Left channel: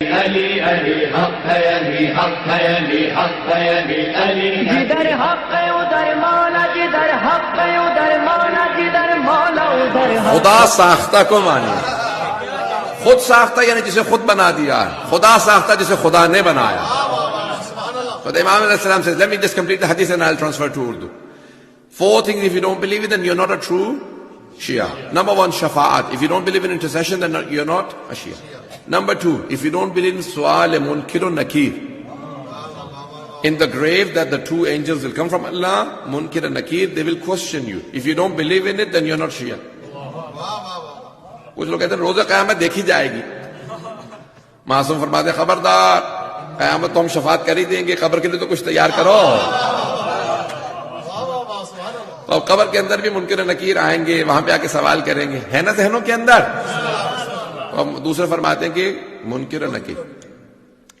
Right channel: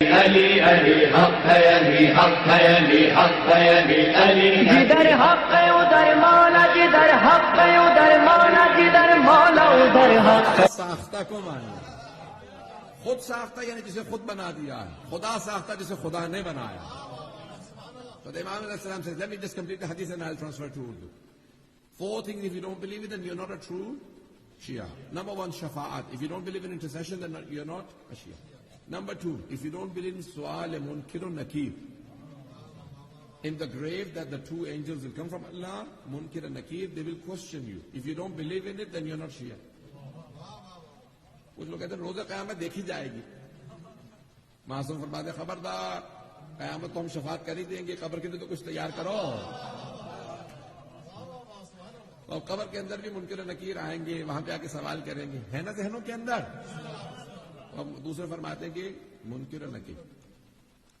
علی علی حق ہے، علی حق ہے، علی حق ہے، علی علی جدھر حق ہے ادھر مولا، جدھر حق ہے ادھر مولا، جدھر مولا ادھر حق۔ خدا ساختہ کو مانیے، خود ساختہ یعنی جسے خود بنا دیا ہے، خدا ساختہ جسے خدا نے بنایا۔ So the Imam alayhi salam says, let me just complete the hadith and I'll transfer to Urdu. 4 things, if you don't believe it, then you're not a true Shia. Number 1, shafa'at. If you don't believe in intercession, then you're not a Shia. Number 2, if you don't believe in su'al munkir nakir, in the grave that the 2 angels will come from Allah, munkir and nakir, they will question you. If you don't believe in it, then you're not Shia. کچھ لوگ کہتے ہیں روزہ قیامت دیکھی جائے گی، معصوم فرماتے ہیں خبردار، قیامت تو ہم شفاعت کر ہی دیں گے، قبر کے لیے تو کچھ تیار کرو۔ اور قبر کے اندر بھی منکر نکیر آئیں گے، وہاں پہ آ کے سوال کریں گے، ہے نا ذہنوں کے اندر؟ اور دوسرے فرماتے ہیں کہ منکر نکیر،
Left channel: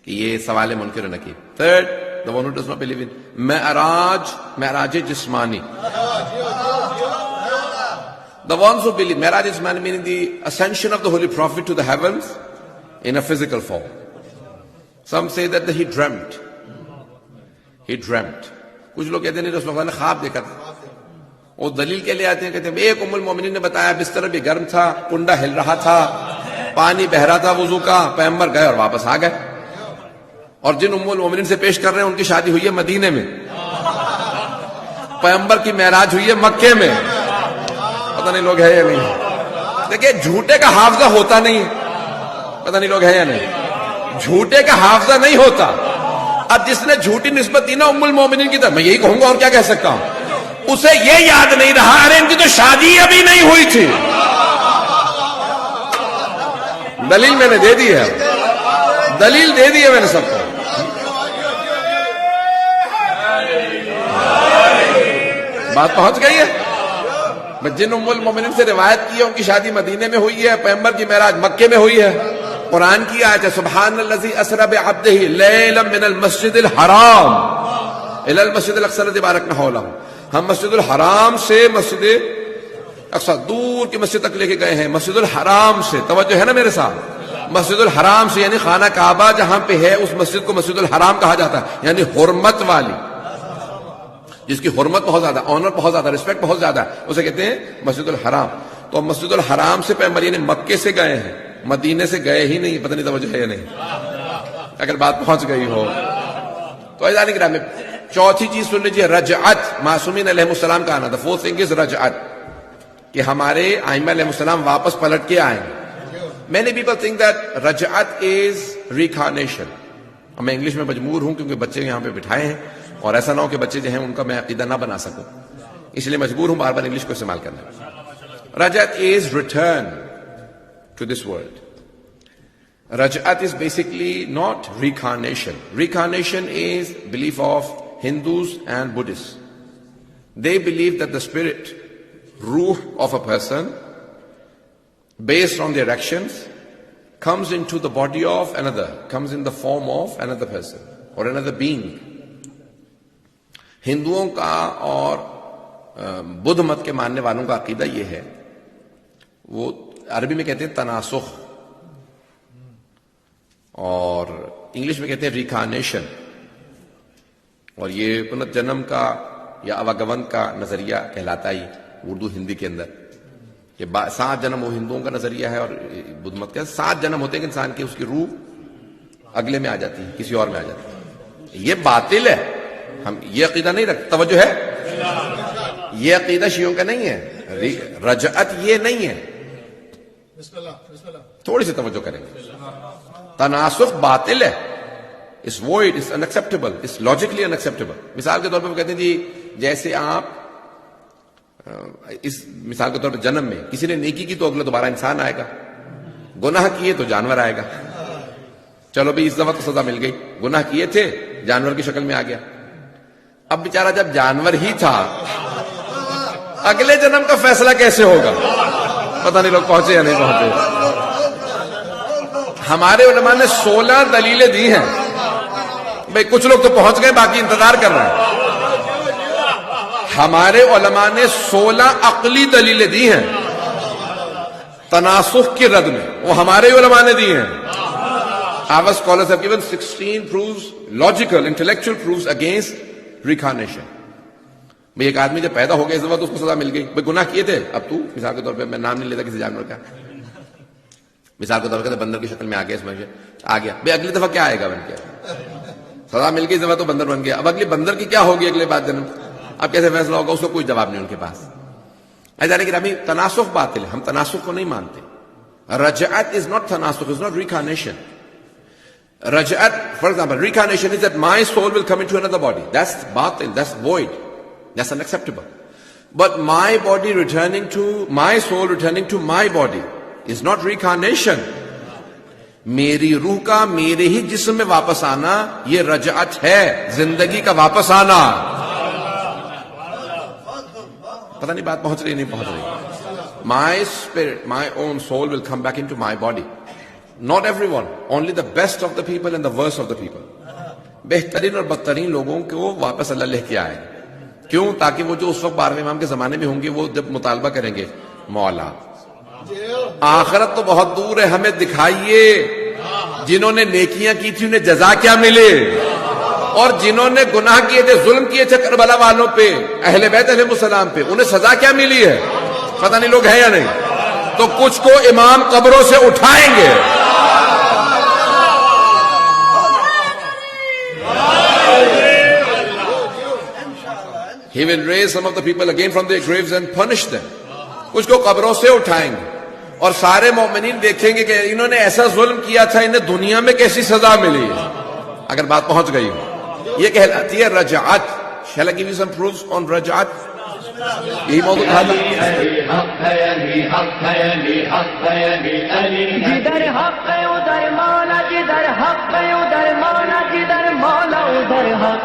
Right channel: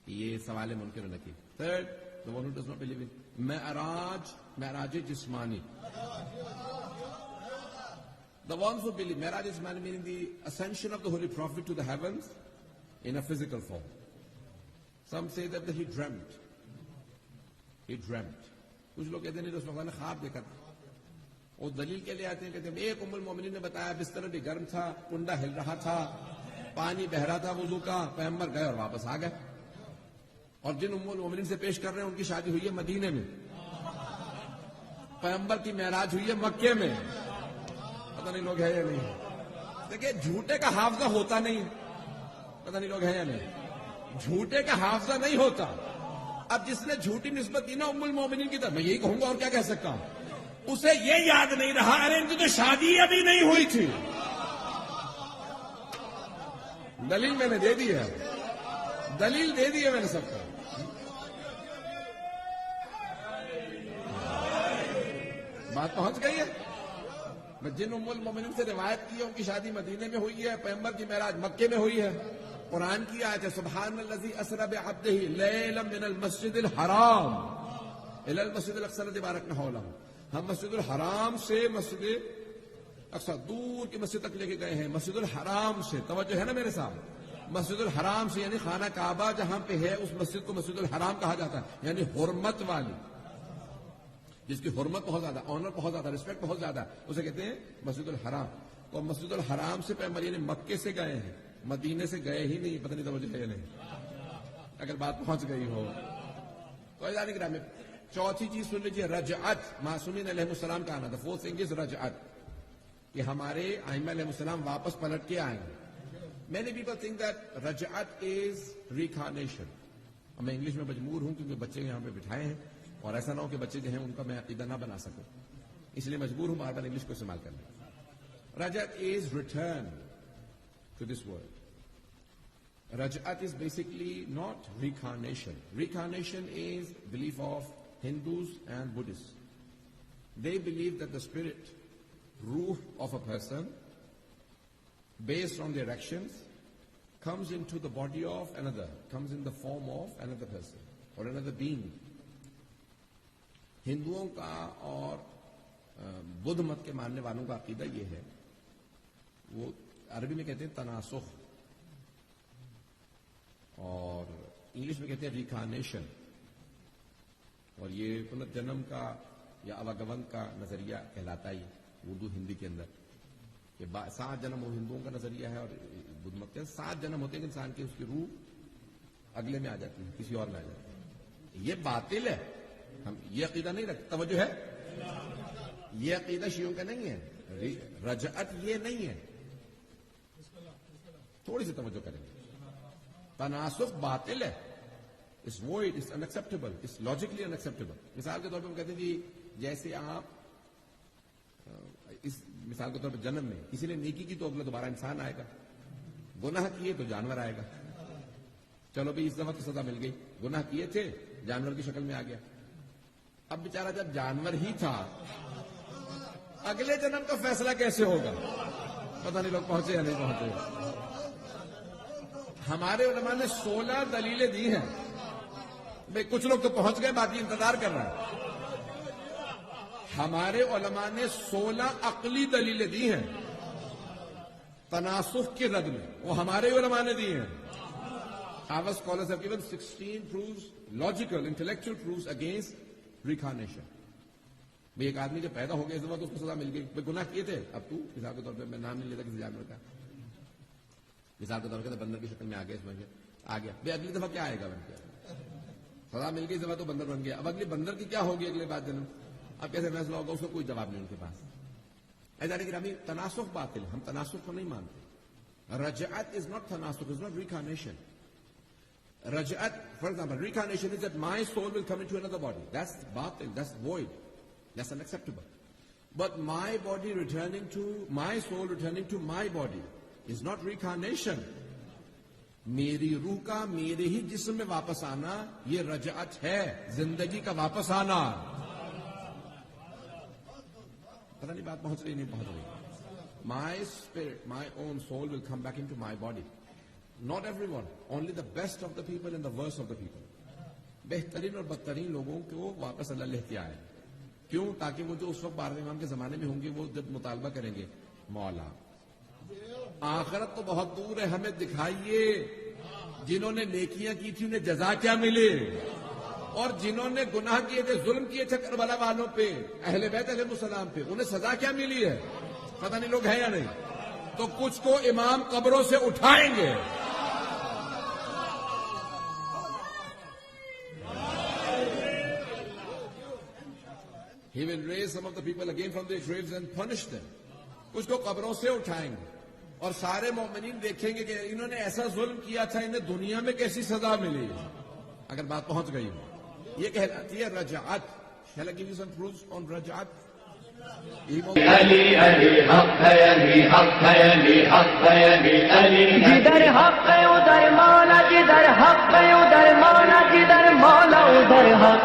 کہ یہ سوال ہے منکر نکیر۔ Third, the one who does not believe in معراج جسمانی. The ones who believe, Miraj is meaning the ascension of the Holy Prophet to the heavens in a physical form. Some say that he dreamt. He dreamt. کچھ لوگ کہتے ہیں رسول اللہ نے خواب دیکھا تھا۔ وہ دلیل کے لیے آتے ہیں، کہتے ہیں ایک ام المومنین نے بتایا بستر بھی گرم تھا، کنڈا ہل رہا تھا، پانی بہ رہا تھا وضو کا، پیغمبر گئے اور واپس آ گئے۔ اور جن ام المومنین سے پیش کر رہے ہیں ان کی شادی ہوئی ہے مدینے میں، پیغمبر کی معراج ہوئی ہے مکے میں۔ پتہ نہیں لوگ ہے یا نہیں۔ دیکھیں جھوٹے کا حافظہ ہوتا نہیں، پتہ نہیں لوگ ہے یا نہیں، جھوٹے کا حافظہ نہیں ہوتا۔ اب جس نے جھوٹی نسبت دی نا ام المومنین کی طرف، میں یہی کہوں گا اور کیا کہہ سکتا ہوں، اسے یہ یاد نہیں رہا ارے ان کی تو شادی ابھی نہیں ہوئی تھی۔ دلیل میں نے دے دی ہے، دلیل دے دی ہے میں نے سب کو۔ بات پہنچ گئی ہے۔ جن ام المومنین سے روایت کی ہے ان کی شادی مدینے میں ہوئی ہے، پیغمبر کی معراج مکے میں ہوئی ہے۔ قرآن کی آیت ہے سبحان الذی اسری بعبدہ لیلا من المسجد الحرام الی المسجد الاقصی الذی بارکنا حولہ۔ ہم مسجد الحرام سے مسجد اقصی دور کی مسجد تک لے کے گئے ہیں، مسجد الحرام سے، توجہ ہے نا میرے ساتھ، مسجد الحرام سے یعنی خانہ کعبہ جہاں پہ ہے اس مسجد کو مسجد الحرام کہا جاتا ہے، یعنی حرمت والی، جس کی حرمت بہت زیادہ، آنر بہت زیادہ، رسپیکٹ بہت زیادہ ہے، اسے کہتے ہیں مسجد الحرام۔ تو مسجد الحرام سے پیغمبر یعنی مکے سے گئے ہیں، مدینے سے گئے ہی نہیں۔ پتہ نہیں توجہ ہے یا نہیں، اگر بات پہنچ گئی ہو تو عزیزان گرامی، چوتھی چیز سن لیجیے، رجعت، معصومین علیہ السلام کا آنا۔ the fourth thing is رجعت، کہ ہمارے ائمہ علیہ السلام واپس پلٹ کے آئیں۔ many people think that رجعت is reincarnation۔ میں انگلش میں مجبور ہوں کیونکہ بچے یہاں پہ بٹھائے ہیں اور ایسا نہ ہو کہ بچے جو ہیں ان کا میں عقیدہ نہ بنا سکوں، اس لیے مجبور ہوں بار بار انگلش کو استعمال کرنا۔ رجعت is return to this world. Raj'at is basically not reincarnation. Reincarnation is belief of Hindus and Buddhists. They believe that the spirit, ruh of a person, based on their actions, comes into the body of another, comes in the form of another person or another being. ہندوؤں کا اور بدھ مت کے ماننے والوں کا عقیدہ یہ ہے، وہ عربی میں کہتے ہیں تناسخ اور انگلش میں کہتے ہیں ریکارنیشن، اور یہ پنرجنم کا یا اواگمن کا نظریہ کہلاتا ہے اردو ہندی کے اندر، کہ 7 جنم وہ ہندوؤں کا نظریہ ہے اور بدھ مت کا 7 جنم ہوتے ہیں کہ انسان کی اس کی روح اگلے میں آ جاتی ہے، کسی اور میں آ جاتی ہے۔ یہ باطل ہے، ہم یہ عقیدہ نہیں رکھتے، توجہ ہے، یہ عقیدہ شیعوں کا نہیں ہے، رجعت یہ نہیں ہے، تھوڑی سی توجہ کریں گے۔ تناسخ باطل ہے، اس void is unacceptable, it's logically unacceptable۔ مثال کے طور پر وہ کہتے ہیں جی جیسے آپ اس مثال کے طور پر جنم میں کسی نے نیکی کی تو اگلا دوبارہ انسان آئے گا، گناہ کیے تو جانور آئے گا۔ چلو بھی اس دفعہ تو سزا مل گئی، گناہ کیے تھے جانور کی شکل میں آ گیا۔ اب بیچارہ جب جانور ہی تھا اگلے جنم کا فیصلہ کیسے ہوگا؟ پتہ نہیں لوگ پہنچے یا نہیں پہنچے۔ ہمارے علماء نے 16 دلیلیں دی ہیں، بھئی کچھ لوگ تو پہنچ گئے، باقی انتظار کر رہے ہیں۔ ہمارے علماء نے 16 عقلی دلیلیں دی ہیں تناسخ کی رد میں، وہ ہمارے علماء نے دی ہیں۔ Our scholars have given 16 proofs, logical, intellectual proofs against reincarnation. بھئی ایک آدمی جب پیدا ہو گیا اس دفعہ تو اس کو سزا مل گئی. بھئی گناہ کیے تھے, اب تو مثال کے طور پہ میں نام نہیں لیتا کسی جانور کا, مثال کے طور پہ بندر کی شکل میں آ گیا, اس میں آ گیا, بھئی اگلی دفعہ کیا آئے گا بن کے, سزا مل گئی اس دفعہ تو بندر بن گیا, اب اگلی بندر کی کیا ہوگی اگلے بعد جنم, اب کیسے فیصلہ ہوگا, اس کو کوئی جواب نہیں ان کے پاس. ایسا نہیں کہ ہمیں تناسخ باطل ہے, ہم تناسخ کو نہیں مانتے. رجعت is not تناسخ, is not reincarnation. Raj'at, for example, reincarnation is that my soul will come into another body. That's batil, that's void, that's unacceptable. But my body returning to, my soul returning to my body is not reincarnation. میری روح کا میرے ہی جسم میں واپس آنا یہ رجعت ہے, زندگی کا واپس آنا. پتہ نہیں بات پہنچ رہی نہیں پہنچ رہی. My spirit, my own soul will come back into my body. Not everyone, only the best of the people and the worst of the people. بہترین اور بدترین لوگوں کو واپس اللہ لے کے آئے. کیوں؟ تاکہ وہ جو اس وقت 12ویں امام کے زمانے میں ہوں گے وہ جب مطالبہ کریں گے, مولا آخرت تو بہت دور ہے, ہمیں دکھائیے جنہوں نے نیکیاں کی تھی انہیں جزا کیا ملے, اور جنہوں نے گناہ کیے تھے, ظلم کیے تھے کربلا والوں پہ, اہل بیت علیہ السلام پہ, انہیں سزا کیا ملی ہے. پتہ نہیں لوگ ہیں یا نہیں. تو کچھ کو امام قبروں سے اٹھائیں گے, He will raise some of the people again from their graves and punish them. کچھ کو قبروں سے اٹھائیں گے اور سارے مومنین دیکھیں گے کہ انہوں نے ایسا ظلم کیا تھا, انہیں دنیا میں کیسی سزا ملی. اگر بات پہنچ گئی ہو, یہ کہلاتی ہے رجعت. Shall I give you some proofs on رجعت؟ یہی موضوع علی علی حق ہے, علی حق ہے, علی حق ہے, علی علی جدھر حق ہے ادھر مولا, جدھر حق ہے ادھر مولا, جدھر مولا ادھر حق.